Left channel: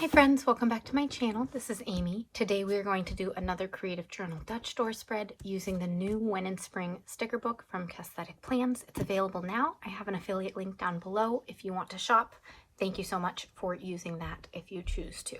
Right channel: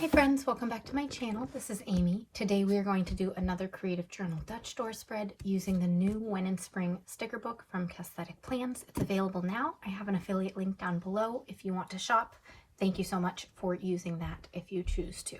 Hi friends, welcome back to my channel. This is Amy. Today we are going to do another Creative Journal Dutch door spread using the new Win in Spring sticker book from Aesthetic Plans. It's available now. I have an affiliate link down below if you want to shop. Thank you so much for using that if you choose to.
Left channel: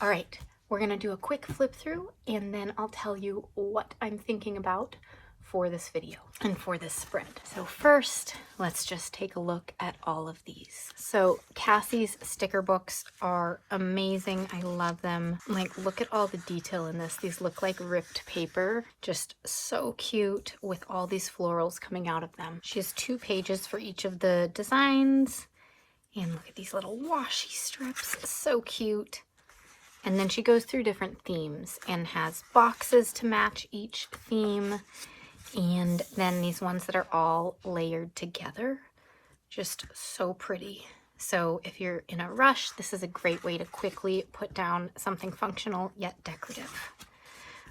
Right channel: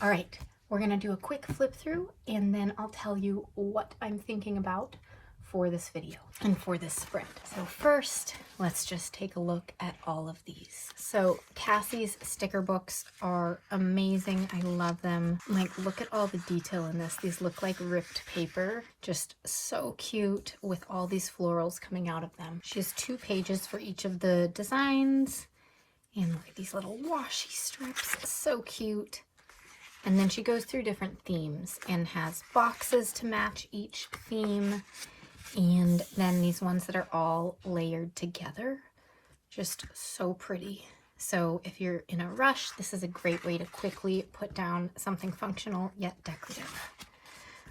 All right, we're going to do a quick flip through and then I'll tell you what I'm thinking about for this video and for this spread. So first, let's just take a look at all of these. So Cassie's sticker books are amazing. I love them. Like, look at all the detail in this. These look like ripped paper, just so cute with all these florals coming out of them. She has 2 pages for each of the designs. And look at these little washi strips, so cute. And then she goes through different themes and has boxes to match each theme. And then these ones that are all layered together, just so pretty. So if you're in a rush, this is a great way to quickly put down something functional yet decorative.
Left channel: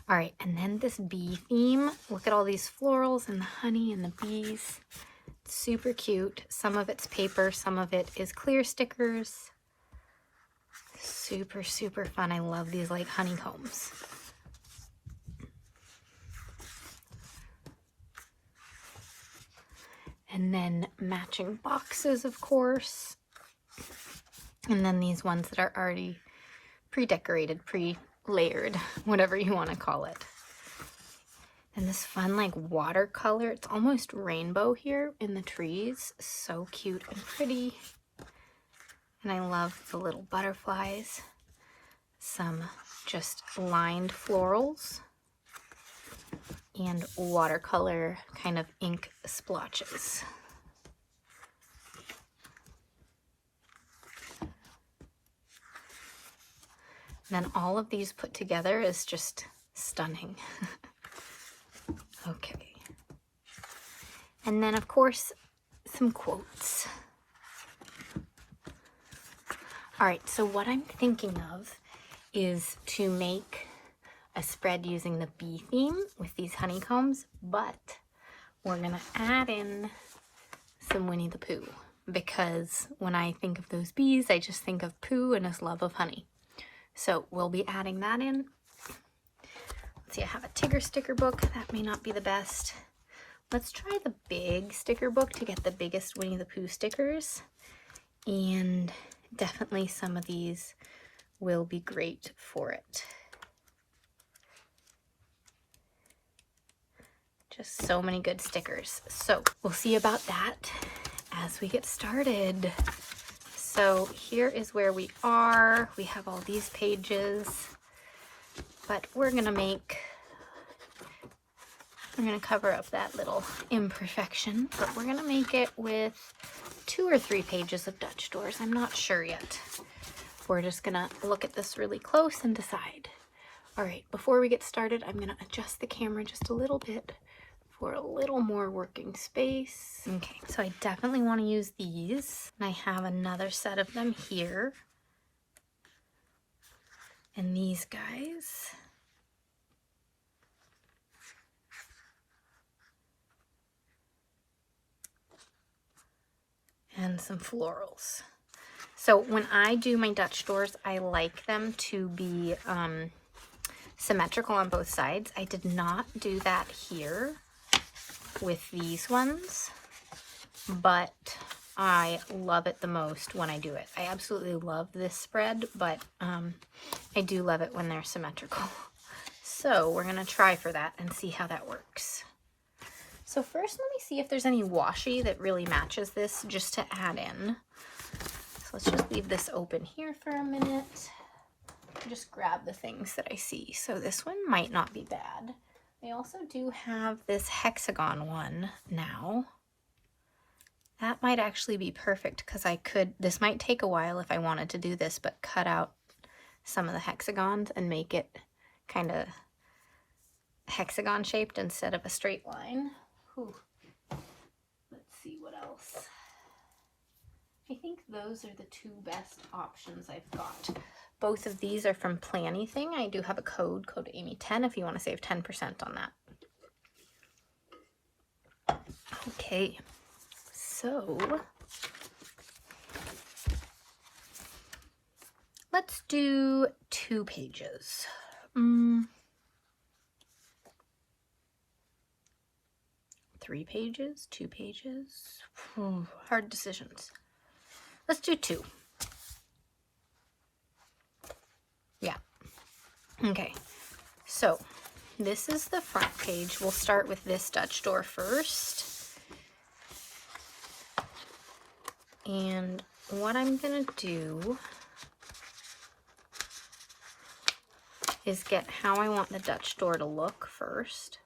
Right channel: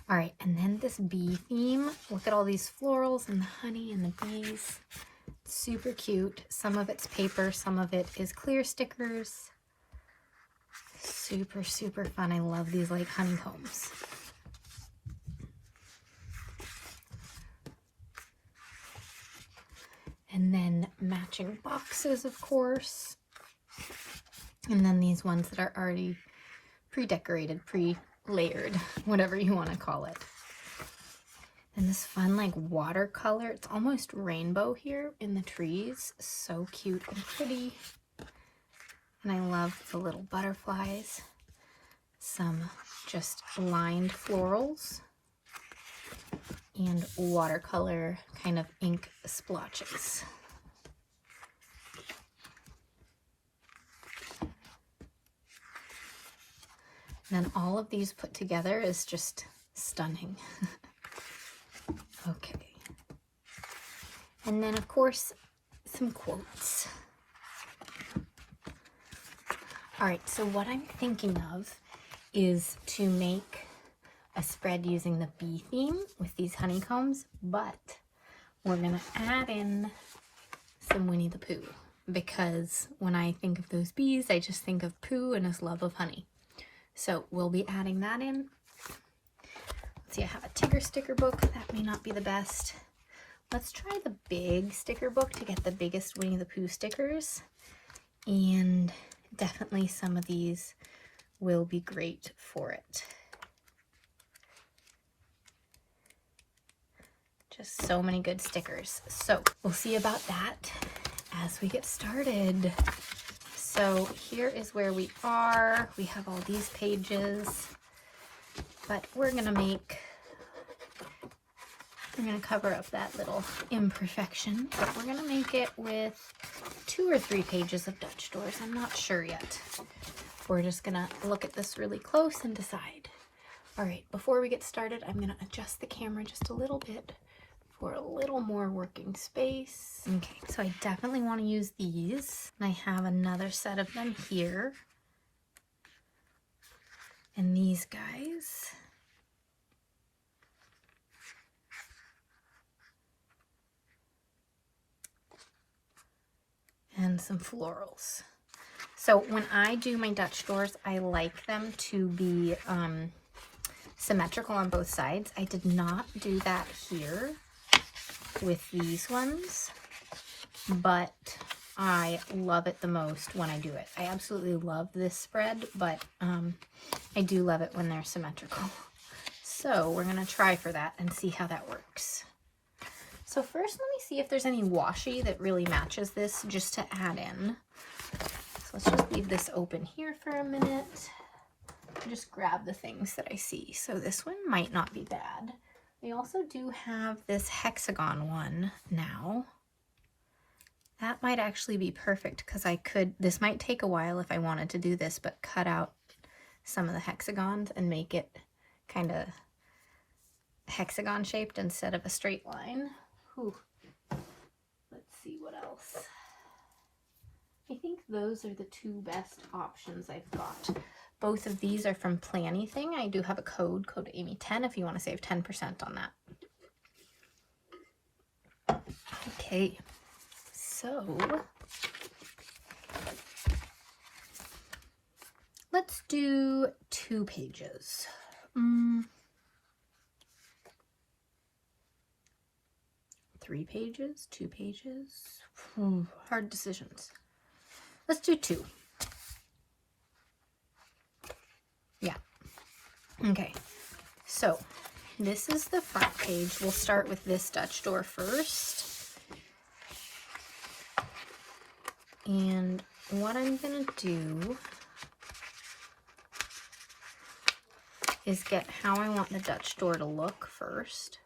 All right, and then this bee theme. Look at all these florals and the honey and the bees. Super cute. Some of it's paper, some of it is clear stickers. Super, super fun. I love these like honeycombs. And then matching boxes, of course. And then these ones that are already pre-decorated, pre-layered, whatever you want to call it. And this fun like watercolor, it's almost rainbow here in the trees. So cute and pretty. And I love the little butterflies. Some just lined florals. And watercolor kind of ink splotches. And then all of these put together is just stunning. Okay. And then of course, some quotes. All right, so what I'm thinking of is to make a spread using the bee theme with these honeycombs, but we're gonna add in some Winnie the Pooh, because when I think of those bees, I just think of Pooh and his love of honey. So we'll be adding that in. Let's see, I have a Tigger sticker book. That may not be the best. Let's try the big sticker book to get the biggest Winnie the Pooh stickers. And definitely some of these will be great for it. Just so many good stickers. So we'll see about that as we get started. So here is where we are. We have all these pages, but I'm gonna cover up that little imperfection, but we're gonna make it with 2 or 3 pages of Dutch doors. I'm not sure yet. We're just gonna look at this really close and decide. All right, before we get started, I'm gonna adjust the camera just a little bit for a little more working space. Okay, so I definitely want to use these. I have another set of them here. And these guys. And some florals. So when I do my Dutch doors, I like them to be symmetrical on both sides. I did not do that here with these ones, but I love it the most when I do it. I absolutely love this spread, but I do love it when they're symmetrical. So we're gonna try for that and see how that works. So first, let me see if there's any washi that really matches this just to add in. So let's just leave this open here for a minute. Just grab the things that I see. So this one might not be bad. They also do have this hexagon one now. That might actually be perfect because this might take a while if I wanted to do this, but cut out some of the hexagons and make it kind of hexagon shaped instead of a straight line. Whew. Let's see what else. I think those are the 2 best options I've got. Both of these are from Planything. I do have a code Amy10 if you want to save 10% on that. Okay, so Let's do 2 pages. 3 pages, 2 pages. Hard decisions. Let's do 2. Yeah. Okay. So this is the front page. We'll start with this Dutch door first. And what I'm going to do is get how I want the Dutch door to look first.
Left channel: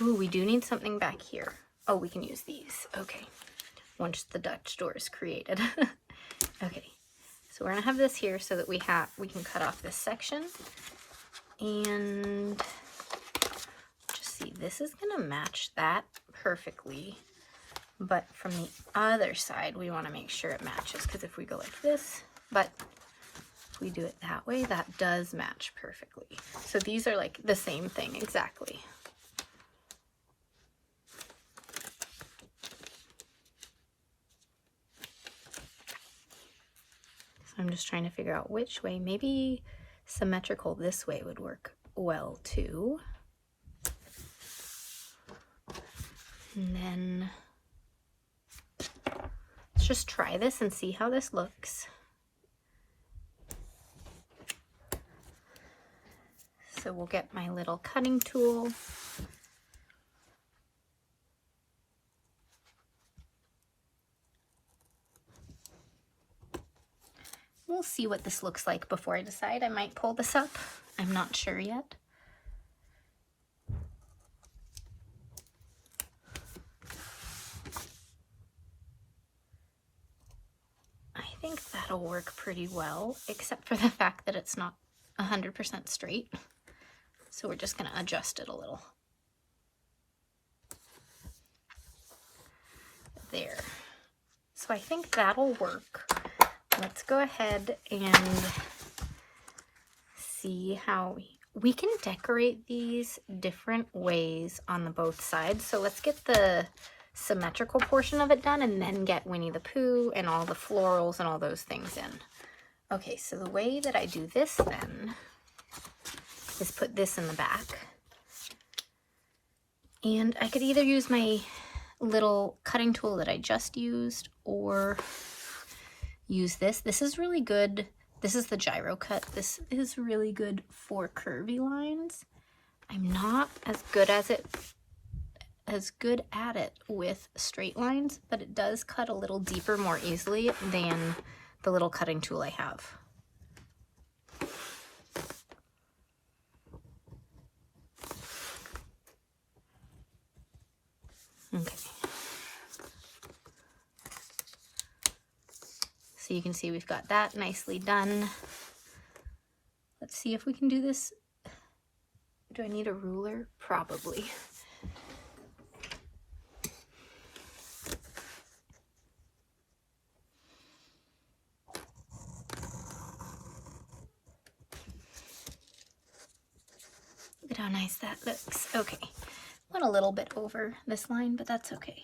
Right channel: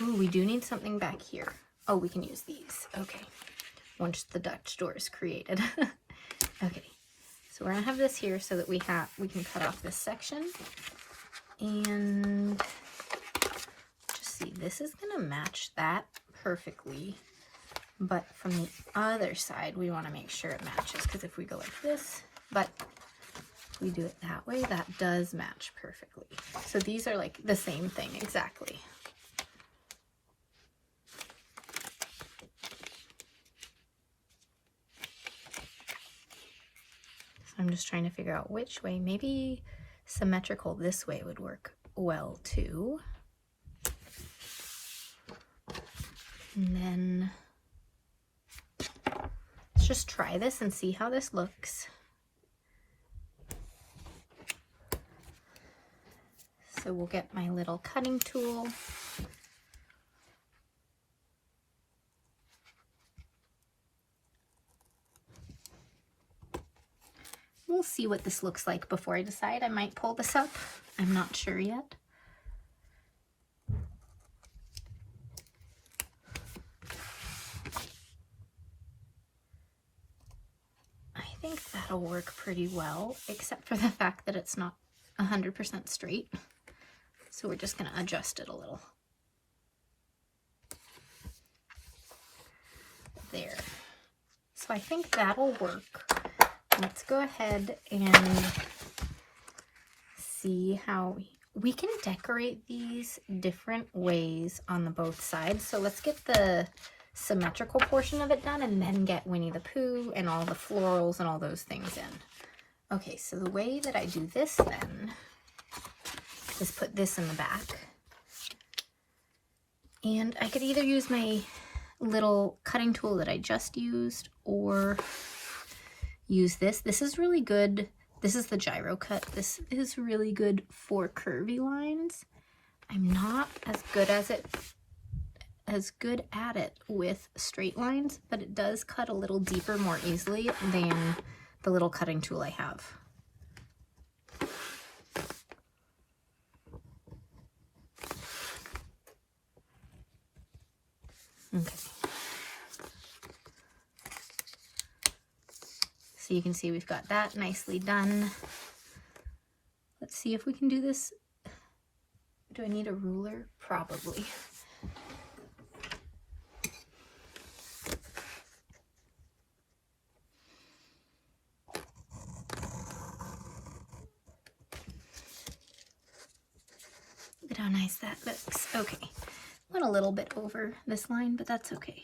Ooh, we do need something back here. Oh, we can use these. Okay. Once the Dutch door is created. Okay. So we're going to have this here so that we can cut off this section. And just see, this is going to match that perfectly. But from the other side, we want to make sure it matches, because if we go like this, but if we do it that way, that does match perfectly. So these are like the same thing exactly. So I'm just trying to figure out which way. Maybe symmetrical this way would work well too. And then let's just try this and see how this looks. So we'll get my little cutting tool. We'll see what this looks like before I decide. I might pull this up. I'm not sure yet. I think that'll work pretty well, except for the fact that it's not 100% straight. So we're just going to adjust it a little. There. So I think that'll work. Let's go ahead and see how we can decorate these different ways on the both sides. So let's get the symmetrical portion of it done and then get Winnie the Pooh and all the florals and all those things in. Okay, so the way that I do this then is put this in the back. And I could either use my little cutting tool that I just used or use this. This is really good. This is the gyro cut. This is really good for curvy lines. I'm not as good at it with straight lines, but it does cut a little deeper more easily than the little cutting tool I have. Okay. So you can see we've got that nicely done. Let's see if we can do this. Do I need a ruler? Probably. Look at how nice that looks. Okay. Went a little bit over this line, but that's okay.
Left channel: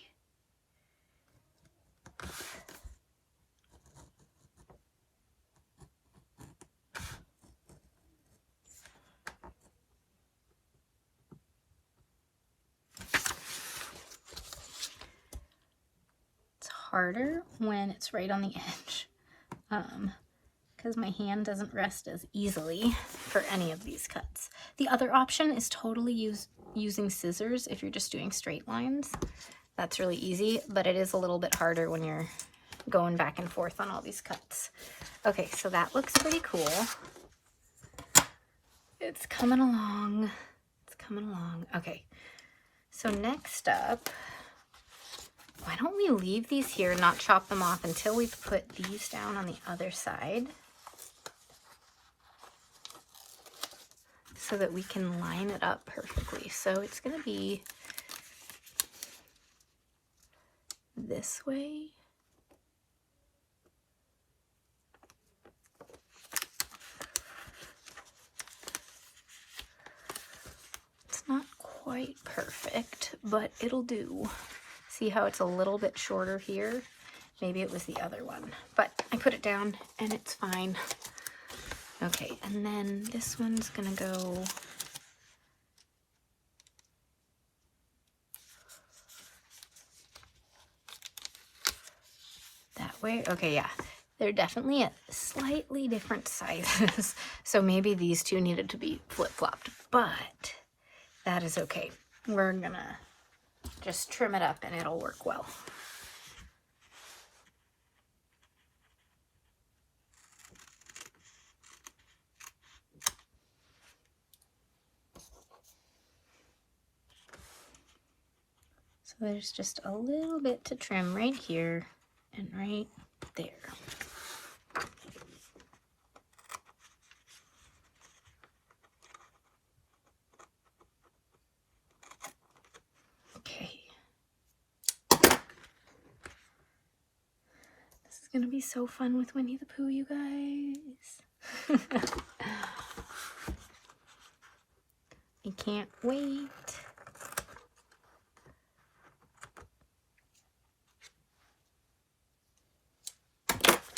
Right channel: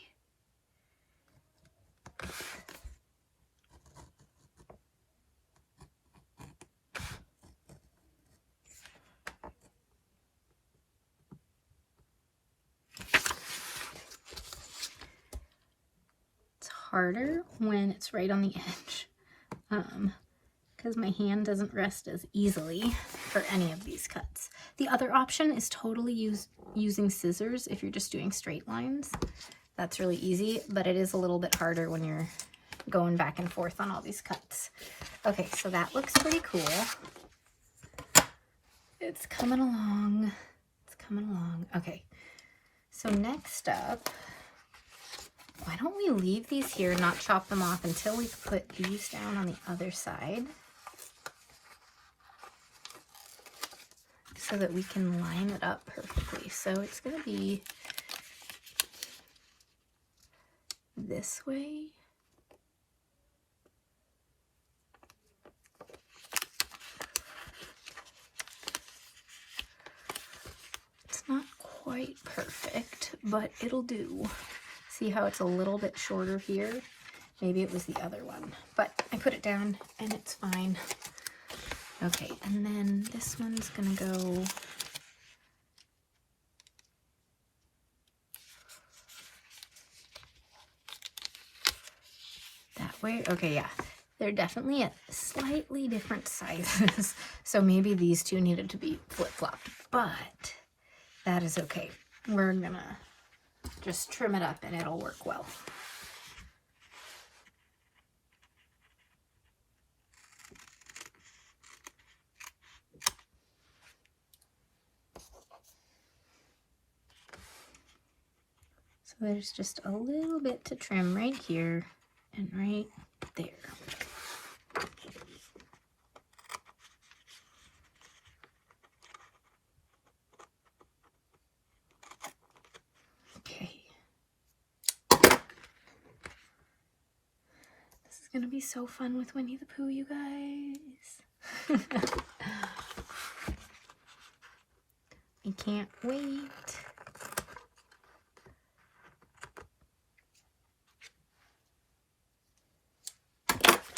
Harder when it's right on the edge because my hand doesn't rest as easily for any of these cuts. The other option is totally using scissors if you're just doing straight lines. That's really easy, but it is a little bit harder when you're going back and forth on all these cuts. Okay, so that looks pretty cool. It's coming along. It's coming along. Okay, so next up, why don't we leave these here and not chop them off until we put these down on the other side so that we can line it up perfectly. So it's going to be this way. It's not quite perfect, but it'll do. See how it's a little bit shorter here? Maybe it was the other one, but I put it down and it's fine. Okay, and then this one's gonna go that way. Okay, yeah. They're definitely at slightly different sizes, so maybe these two needed to be flip-flopped, but that is okay. We're gonna just trim it up and it'll work well. So there's just a little bit to trim right here and right there. Okay. This is gonna be so fun with Winnie the Pooh, you guys. I can't wait.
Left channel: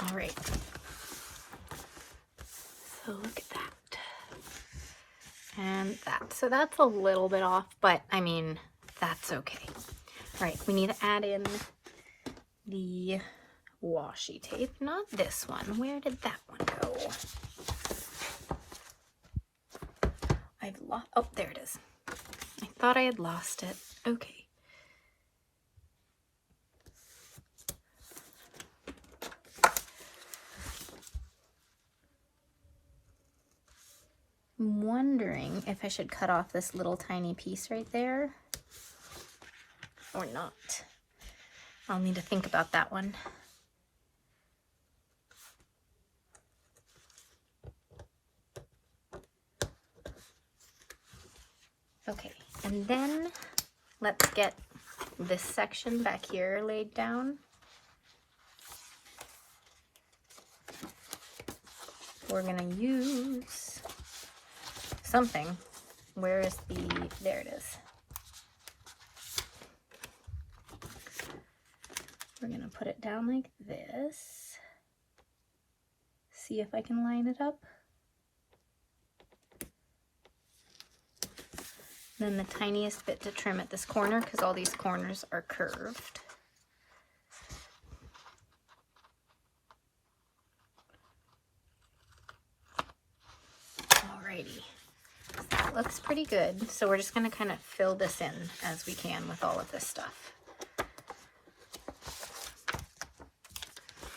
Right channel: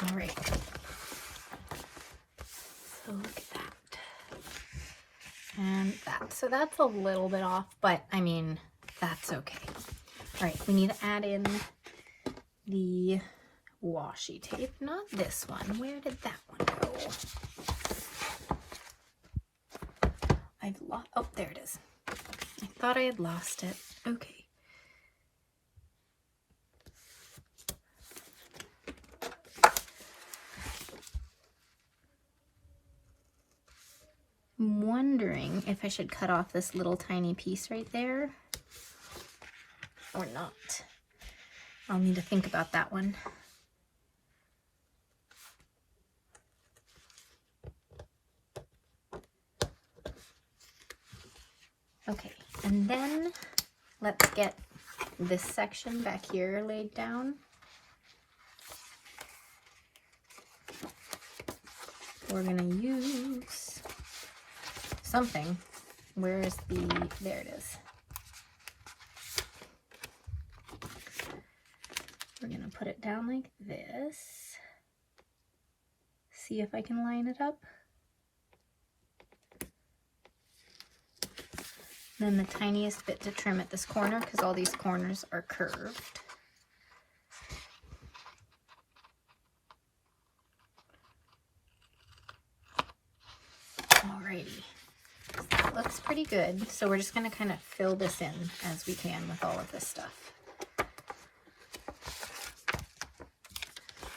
All right. So look at that. And that. So that's a little bit off, but I mean, that's okay. All right, we need to add in the washi tape. Not this one. Where did that one go? I've lost, oh, there it is. I thought I had lost it. Okay. I'm wondering if I should cut off this little tiny piece right there or not. I'll need to think about that one. Okay, and then let's get this section back here laid down. We're gonna use something. Where is the, there it is. We're gonna put it down like this. See if I can line it up. Then the tiniest bit to trim at this corner, because all these corners are curved. Alrighty, that looks pretty good. So we're just gonna kind of fill this in as we can with all of this stuff.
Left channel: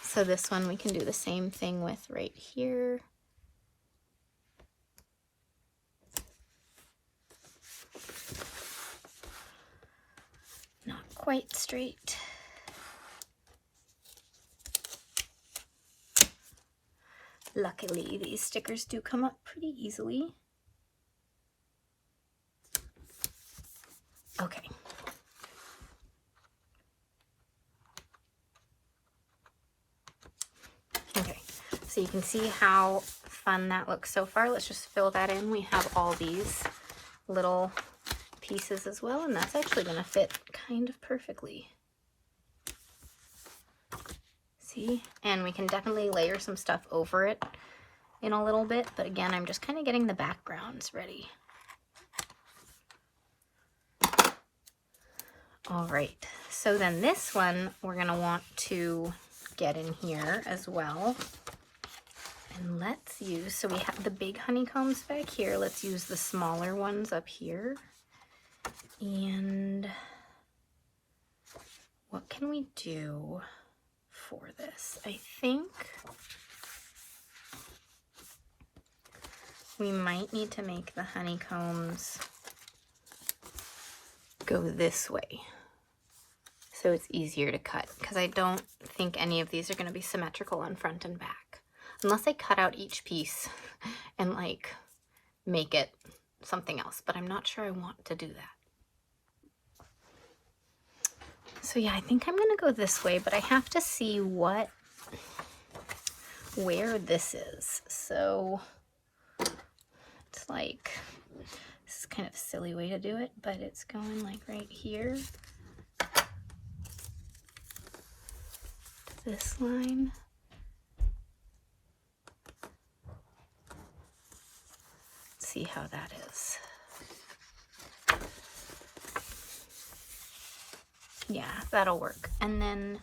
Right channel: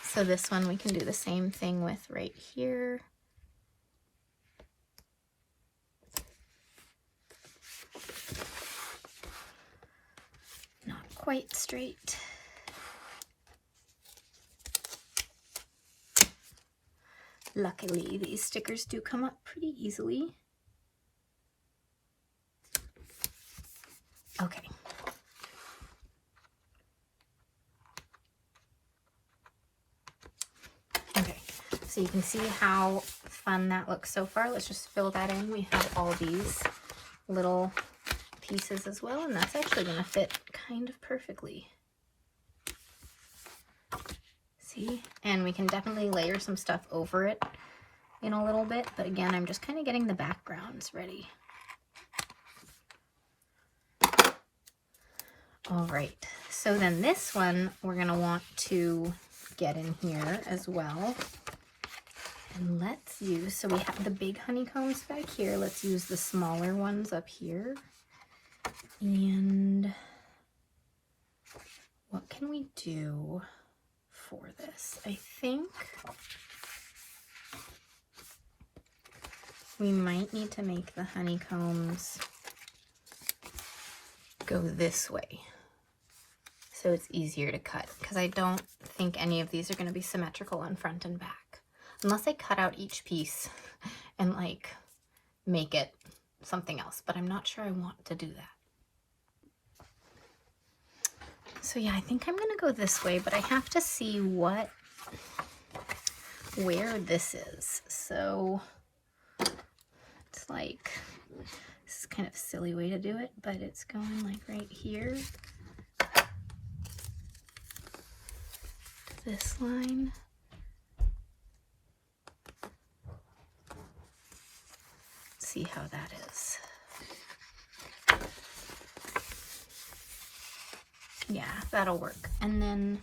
So this one we can do the same thing with right here. Not quite straight. Luckily, these stickers do come up pretty easily. Okay. Okay, so you can see how fun that looks so far. Let's just fill that in. We have all these little pieces as well, and that's actually going to fit kind of perfectly. See? And we can definitely layer some stuff over it in a little bit, but again, I'm just kind of getting the backgrounds ready. All right, so then this one we're going to want to get in here as well. And let's use, so we have the big honeycombs back here. Let's use the smaller ones up here. And what can we do for this? I think we might need to make the honeycombs go this way so it's easier to cut, because I don't think any of these are going to be symmetrical on front and back unless I cut out each piece and like make it something else, but I'm not sure I want to do that. So yeah, I think I'm going to go this way, but I have to see where this is. So it's like, this is kind of a silly way to do it, but it's going like right here. This line. see how that is. Yeah, that'll work. And then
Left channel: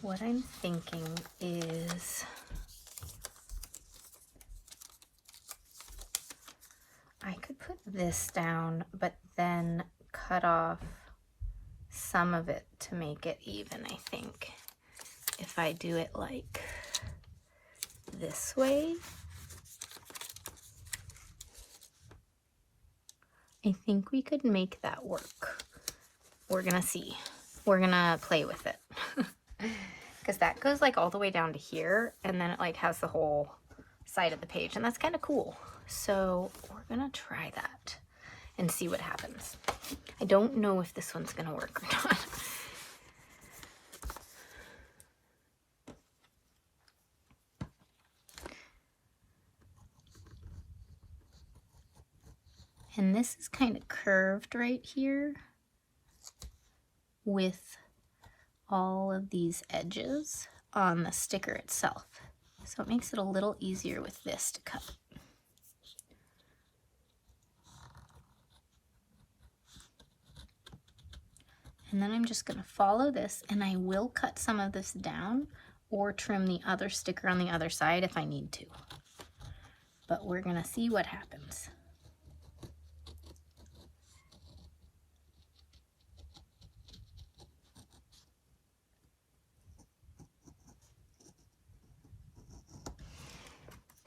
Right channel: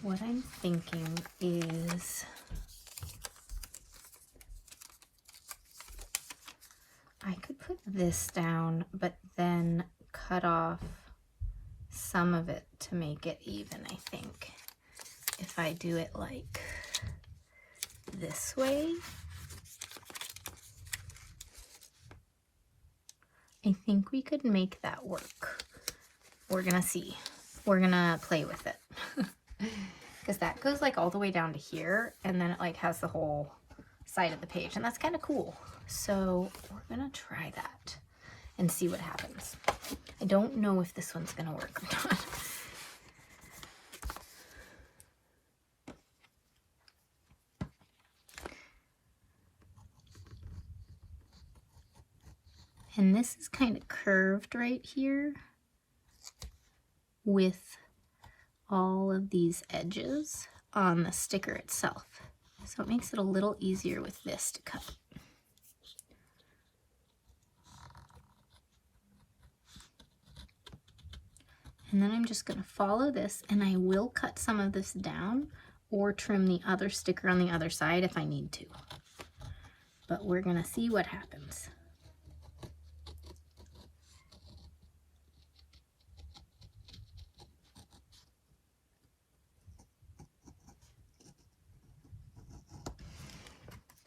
what I'm thinking is I could put this down, but then cut off some of it to make it even, I think. If I do it like this way, I think we could make that work. We're gonna see. We're gonna play with it. Because that goes like all the way down to here, and then it like has the whole side of the page, and that's kind of cool. So we're gonna try that and see what happens. I don't know if this one's gonna work or not. And this is kind of curved right here with all of these edges on the sticker itself. So it makes it a little easier with this to cut. And then I'm just going to follow this, and I will cut some of this down or trim the other sticker on the other side if I need to. But we're going to see what happens.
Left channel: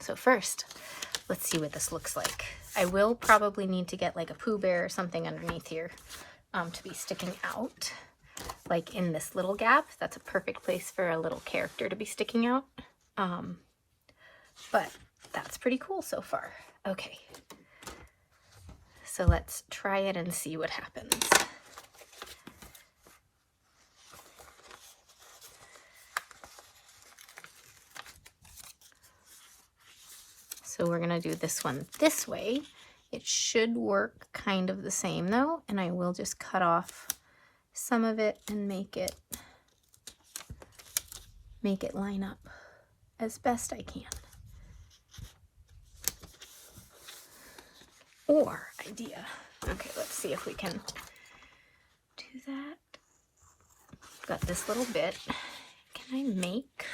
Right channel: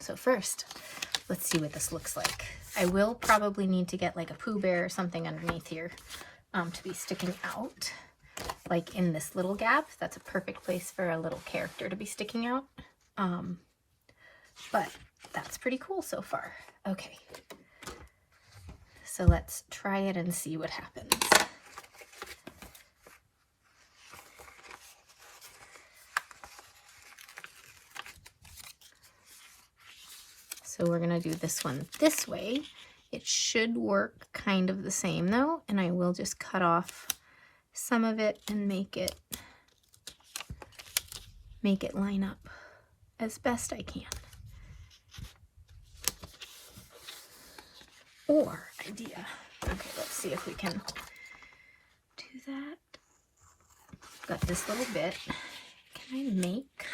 So first, let's see what this looks like. I will probably need to get like a Pooh Bear or something underneath here to be sticking out. Like in this little gap, that's a perfect place for a little character to be sticking out. But that's pretty cool so far. Okay, so let's try it and see what happens. So we're gonna do this one this way. It should work kind of the same though, and I will just cut off some of it and make it line up as best I can. Or idea. Okay, let's see if we can do that. Got this little bit. Can I make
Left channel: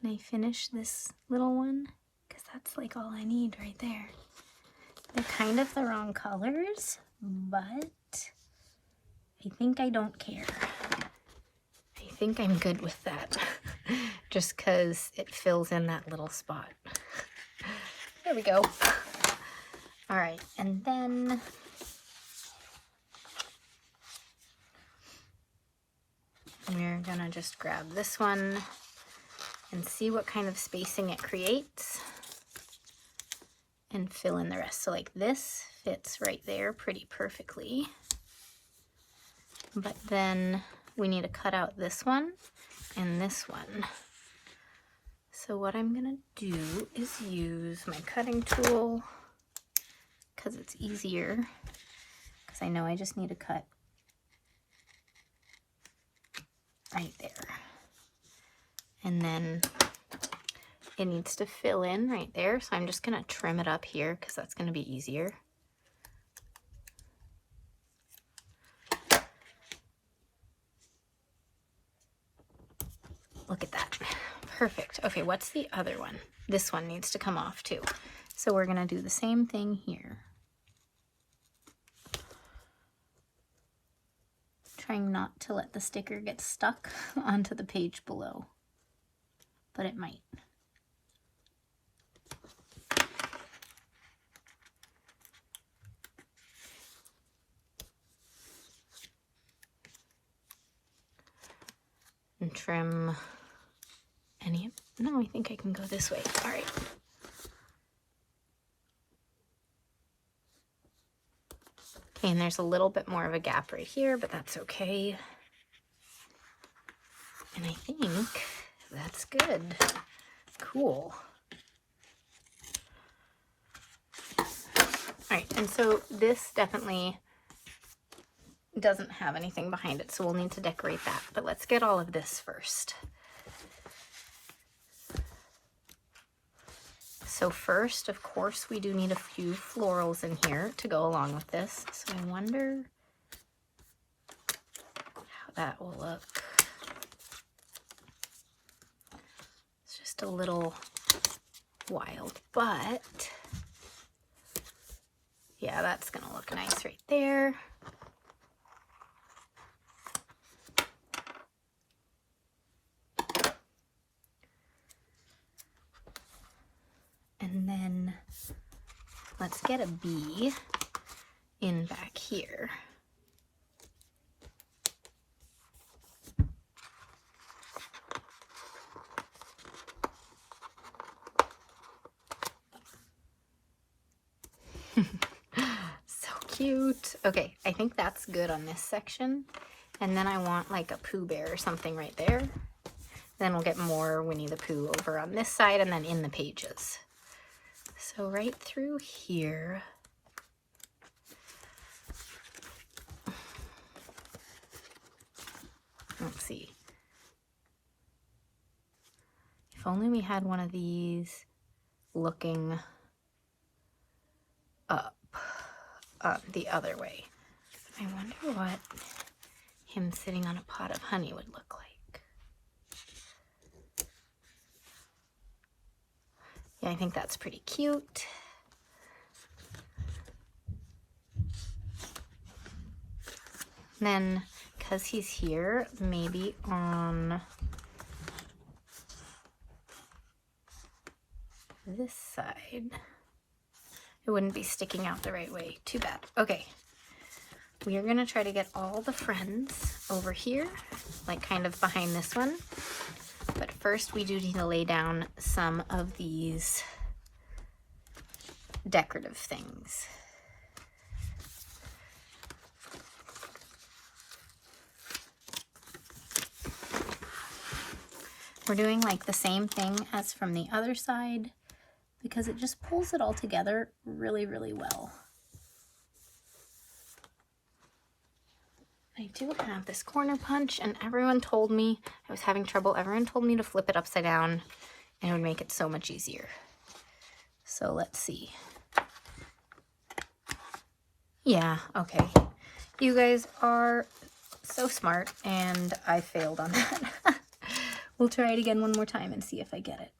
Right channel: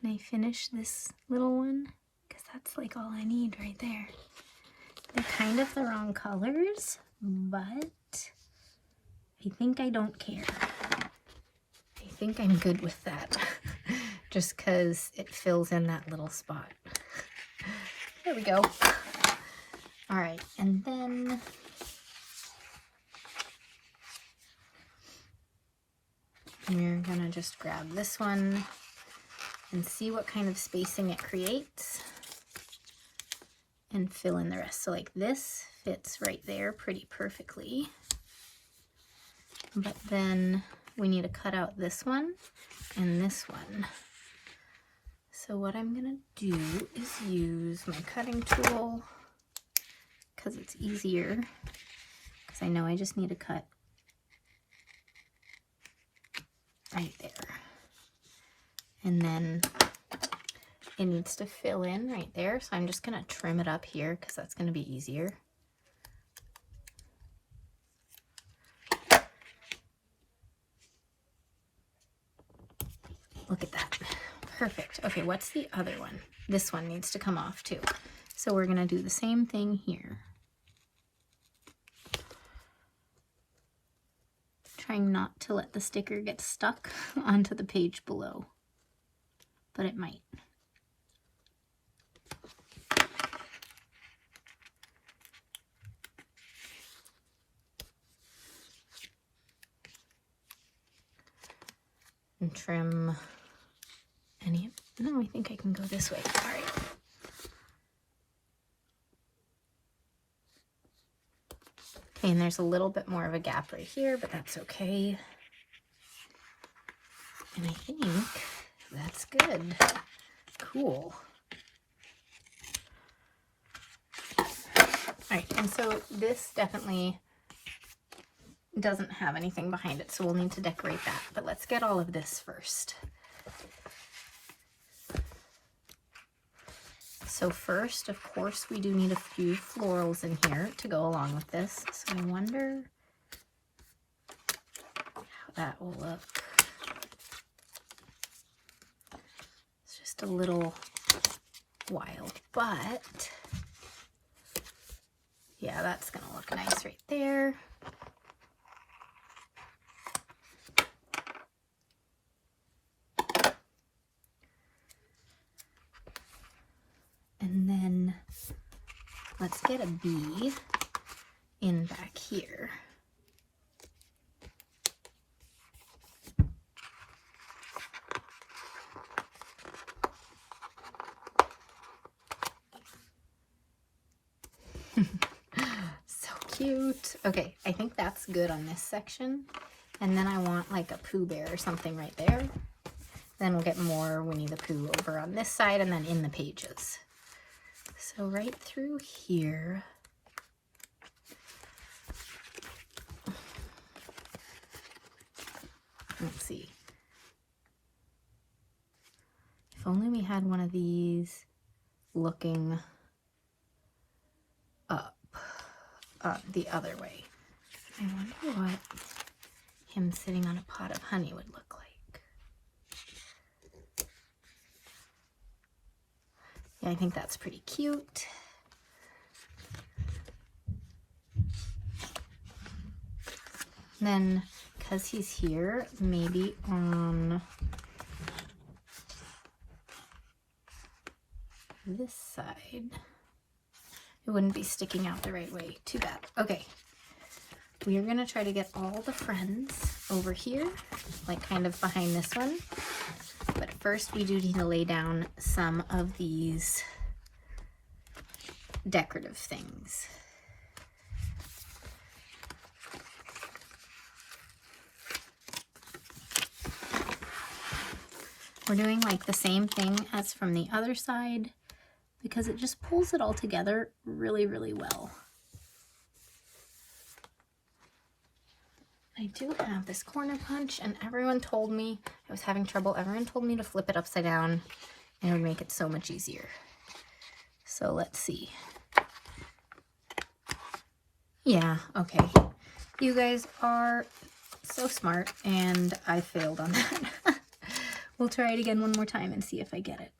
Can I finish this little one? Because that's like all I need right there. They're kind of the wrong colors, but I think I don't care. I think I'm good with that. Just because it fills in that little spot. There we go. All right, and then we're gonna just grab this one and see what kind of spacing it creates and fill in the rest. So like this fits right there pretty perfectly. But then we need to cut out this one and this one. So what I'm gonna do is use my cutting tool because it's easier, because I know I just need to cut right there. And then it needs to fill in right there. So I'm just gonna trim it up here because that's gonna be easier. Look at that. Perfect. Okay, what's the other one? This one needs to come off too. So we're gonna do the same thing here. Trying not to let the sticker get stuck onto the page below, but it might. And trim any of, no, I think I can go this way. All right. Okay, and there's a little bit more of a gap right here, but that's okay. And I think that's good. Cool. All right, and so this definitely doesn't have anything behind it, so we'll need to decorate that. But let's get all of this first. So first, of course, we do need a few florals in here to go along with this. So I wonder how that will look. It's just a little wild, but yeah, that's gonna look nice right there. And then let's get a bee in back here. So cute. Okay, I think that's good on this section. And then I want like a Pooh Bear or something right there. Then we'll get more Winnie the Pooh over on this side and then in the pages. So right through here, let's see. If only we had one of these looking up the other way. I wonder what him sitting on a pot of honey would look like. Yeah, I think that's pretty cute. Then, because he's here, maybe on this side, it wouldn't be sticking out the right way. Too bad. Okay. We are going to try to get all the friends over here, like kind of behind this one. But first we do need to lay down some of these decorative things. We're doing like the same thing as from the other side because it just pulls it all together really, really well. I do have this corner punch, and everyone told me I was having trouble. Everyone told me to flip it upside down and it would make it so much easier. So let's see. Yeah, okay. You guys are so smart, and I failed on that. We'll try it again one more time and see if I get it.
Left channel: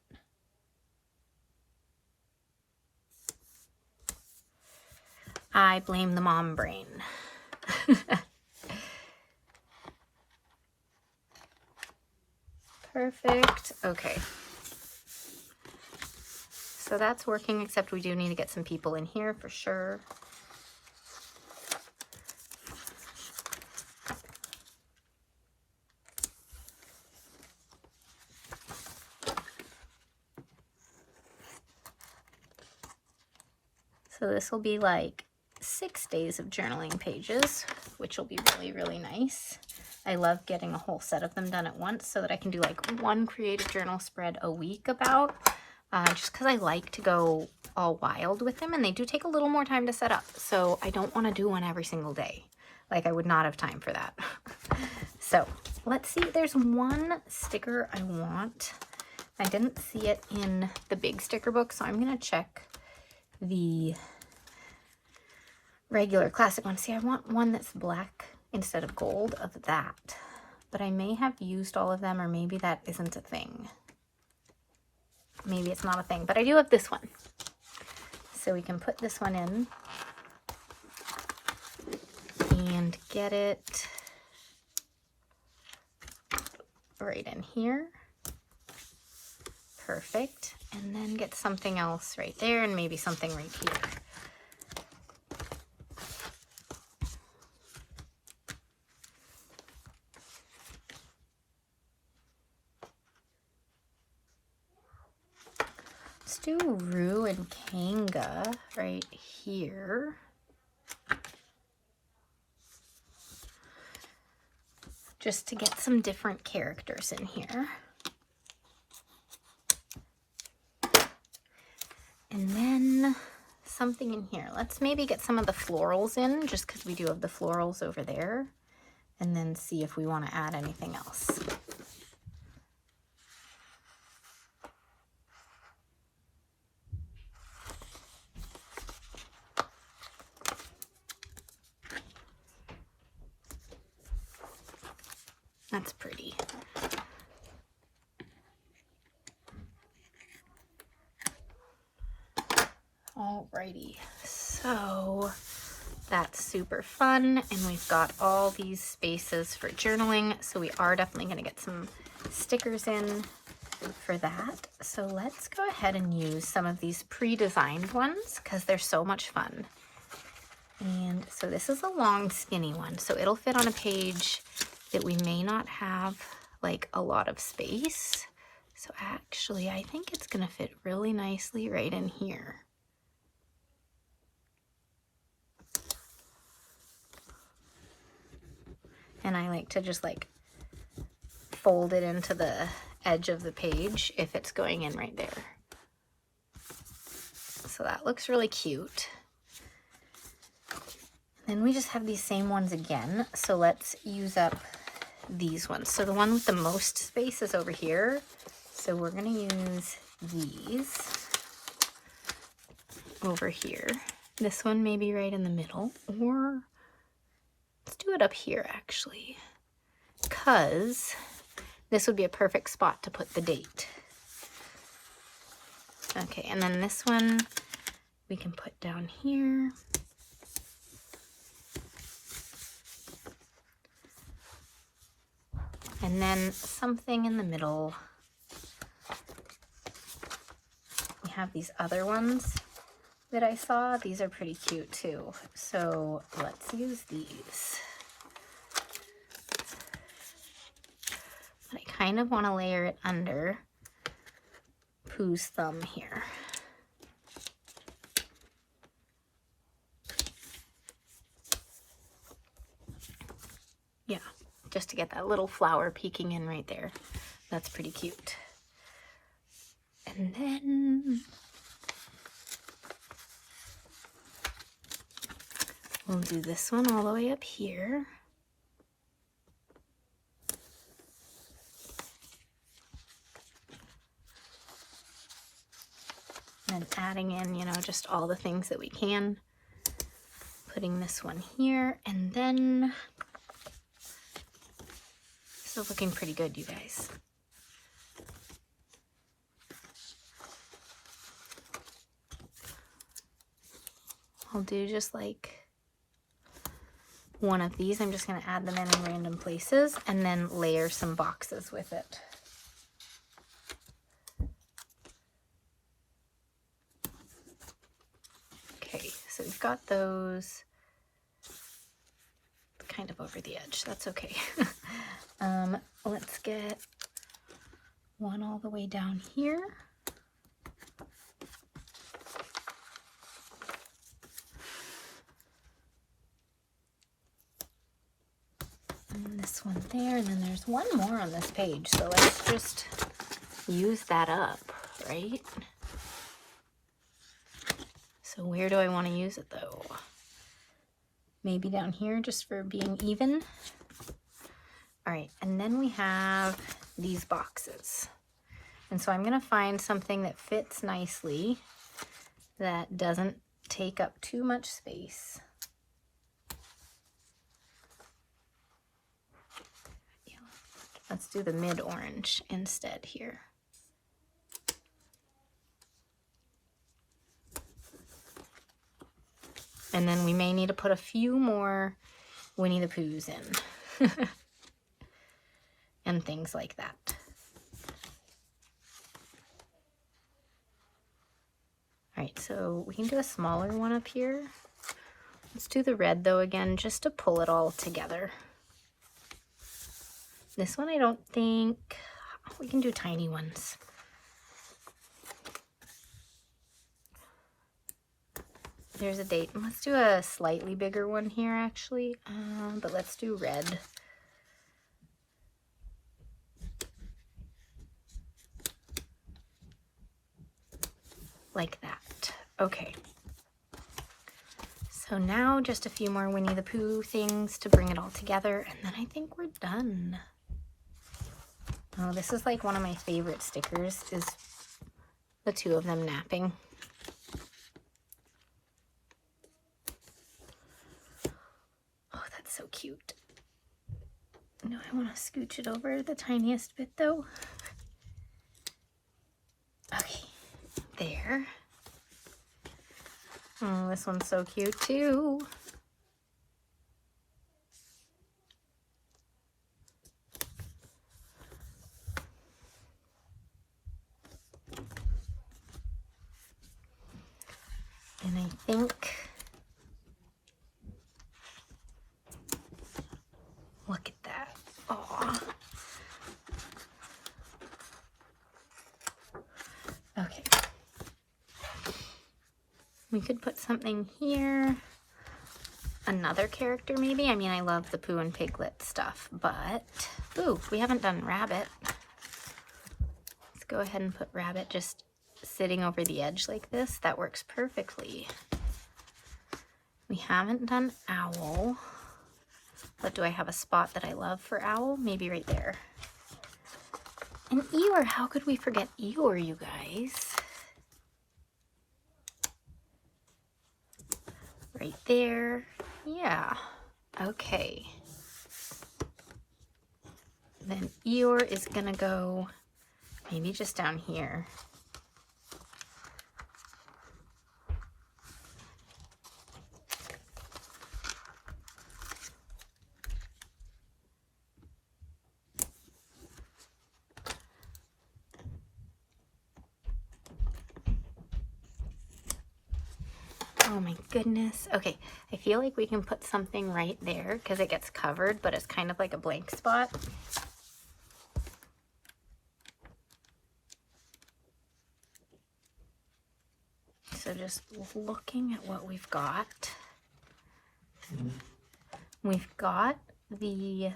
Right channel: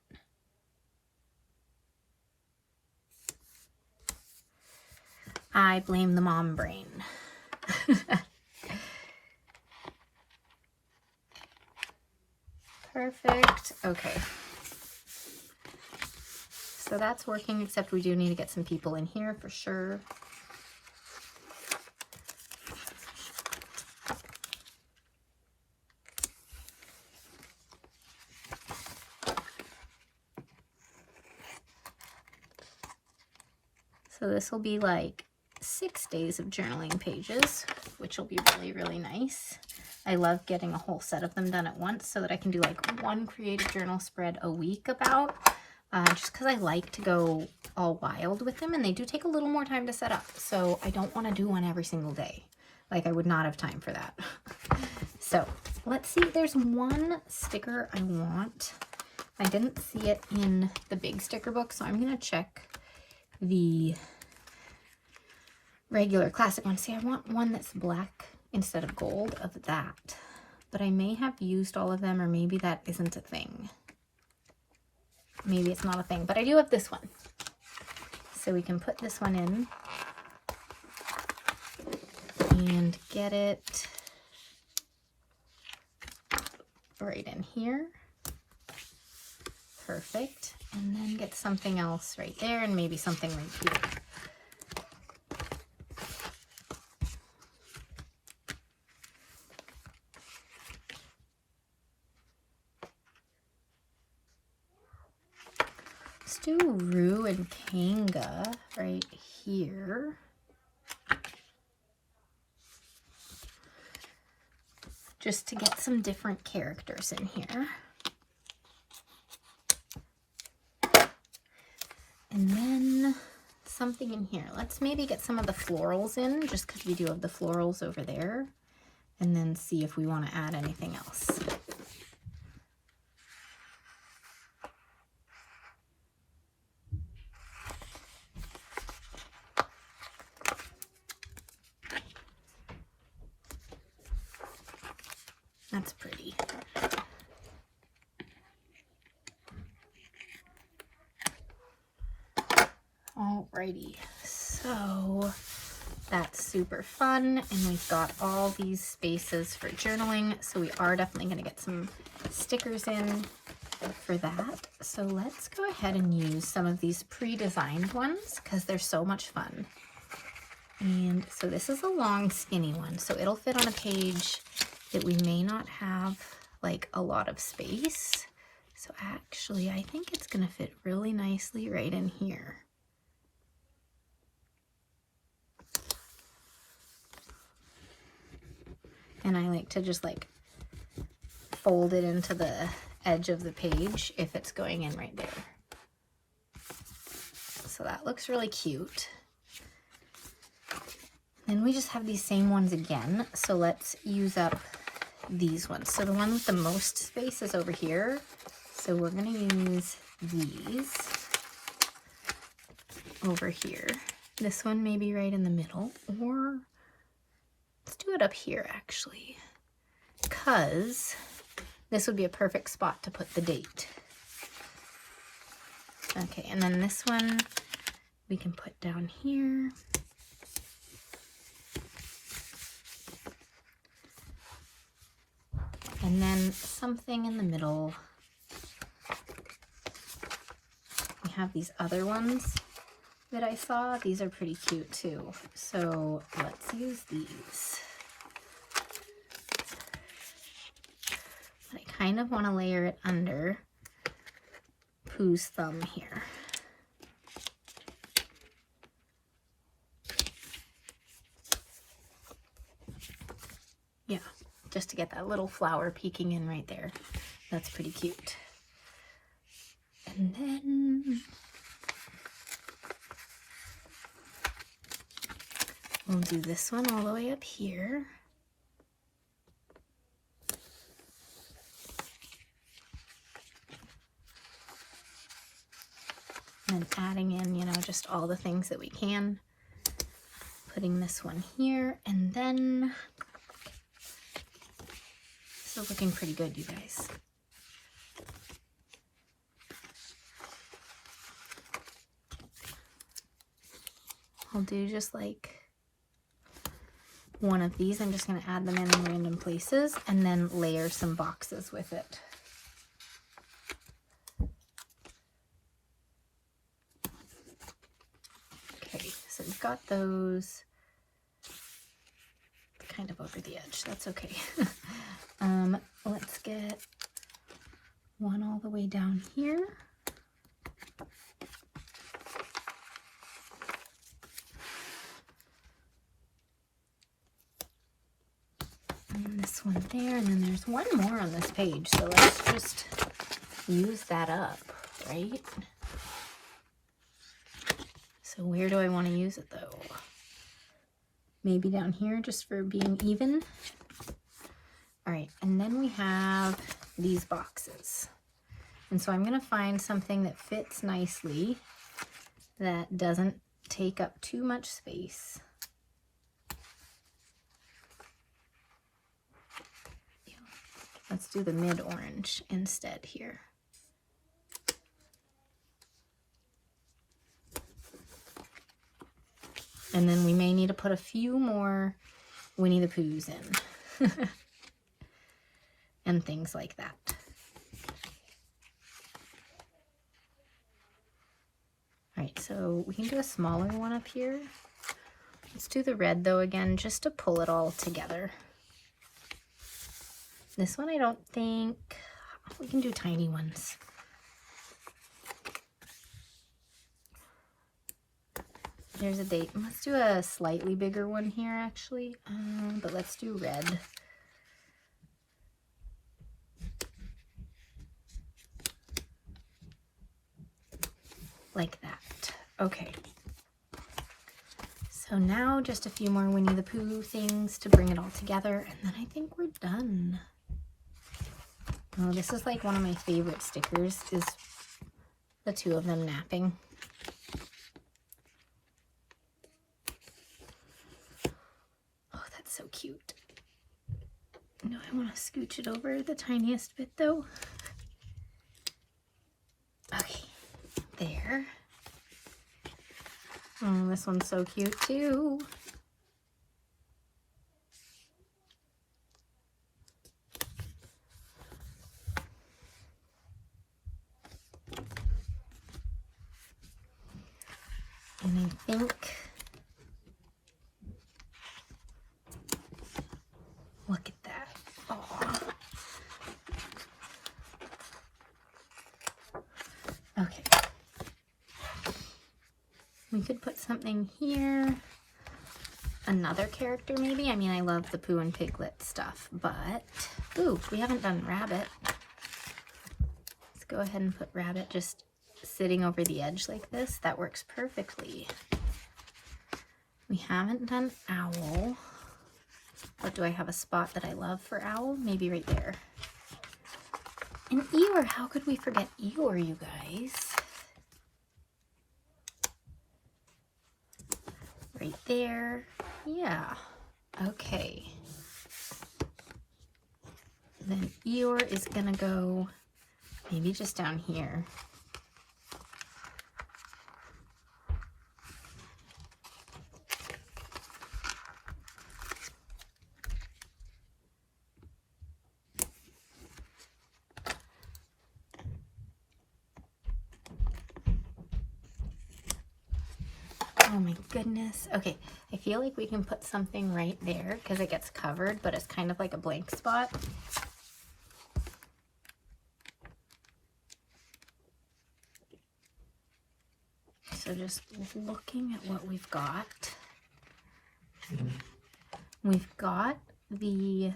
I blame the mom brain. Perfect. Okay. So that's working, except we do need to get some people in here for sure. So this will be like 6 days of journaling pages, which will be really, really nice. I love getting a whole set of them done at once so that I can do like one creative journal spread a week about, just because I like to go all wild with them, and they do take a little more time to set up. So I don't want to do one every single day. Like, I would not have time for that. So let's see. There's one sticker I want. I didn't see it in the big sticker book, so I'm going to check the regular classic one. See, I want one that's black instead of gold of that, but I may have used all of them, or maybe that isn't a thing. Maybe it's not a thing, but I do have this one. So we can put this one in and get it right in here. Perfect. And then get something else right there, and maybe something right here. Let's do Rue and Kanga right here. Just to get some different characters in here. And then something in here. Let's maybe get some of the florals in, just because we do have the florals over there. And then see if we want to add anything else. That's pretty. Alrighty, so that's super fun, and we've got all these spaces for journaling, so we are definitely going to get some stickers in for that. So let's go ahead and use some of these pre-designed ones because they're so much fun. And so this is a long skinny one, so it'll fit on a page that we may not have like a lot of space. So actually I think it's going to fit really nicely right in here. And I like to just like fold it into the edge of the page if it's going in right there. So that looks really cute. Then we just have these same ones again. So let's use up these ones. So the one with the most space is over here. So we're going to use these over here. This one may be right in the middle, or let's do it up here actually, because this would be a perfect spot to put the date. Okay, and then this one we can put down here. And then something in the middle. We have these other ones that I saw. These are pretty cute too. So let's use these. But I kind of want to layer it under Pooh's thumb here. Yeah, just to get that little flower peeking in right there. That's pretty cute. And then we'll do this one all the way up here. And adding in, you know, just all the things that we can. Putting this one here, and then this is looking pretty good, you guys. I'll do just like one of these. I'm just going to add them in random places and then layer some boxes with it. Okay, so we've got those kind of over the edge. That's okay. Let's get one all the way down here. And this one there, and then there's one more on this page, so let's just use that up, right? So where do I want to use it though? Maybe down here just for being even. All right, and then we have these boxes. And so I'm going to find something that fits nicely, that doesn't take up too much space. Yeah. Let's do the mid-orange instead here. And then we may need to put a few more Winnie the Poohs in. And things like that. All right, so we can do a smaller one up here. Let's do the red though again, just to pull it all together. This one I don't think, we can do tiny ones. There's a date. Let's do a slightly bigger one here actually, but let's do red. Like that. Okay. So now just a few more Winnie the Pooh things to bring it all together, and then I think we're done. Oh, this is like one of my favorite stickers, is the two of them napping. Oh, that's so cute. do I want to scooch it over the tiniest bit though? Okay, there. Oh, this one's so cute too. And I think, look at that. Aww. Okay. We could put something here. Another character maybe. I mean, I love the Pooh and Piglet stuff, but, ooh, we haven't done Rabbit. Let's go ahead and put Rabbit just sitting over the edge like this. That works perfectly. We haven't done Owl, but do I have a spot that I love for Owl? Maybe right there. And Eeyore, how could we forget Eeyore, you guys? Right there. Yeah. Okay. Then Eeyore is gonna go maybe just down here. Oh my goodness. Okay, I feel like we can put something right there because it gets covered, but it's kind of like a blank spot. So just looking at what we've got. We've got the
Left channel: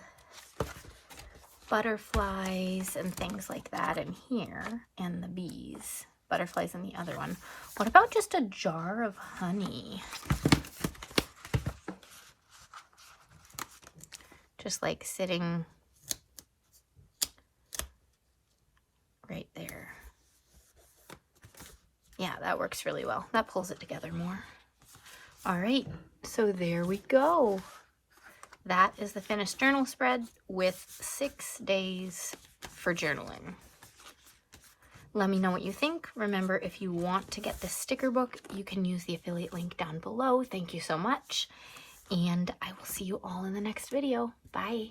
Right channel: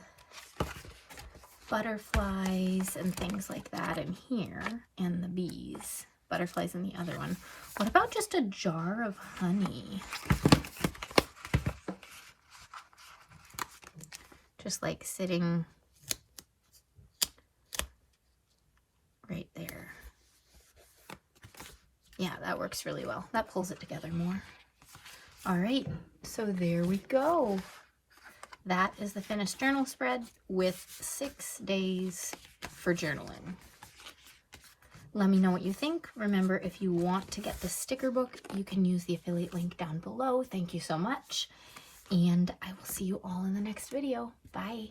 butterflies and things like that in here, and the bees. Butterflies in the other one. What about just a jar of honey? Just like sitting right there. Yeah, that works really well. That pulls it together more. All right, so there we go. That is the finished journal spread with 6 days for journaling. Let me know what you think. Remember, if you want to get the sticker book, you can use the affiliate link down below. Thank you so much. And I will see you all in the next video. Bye.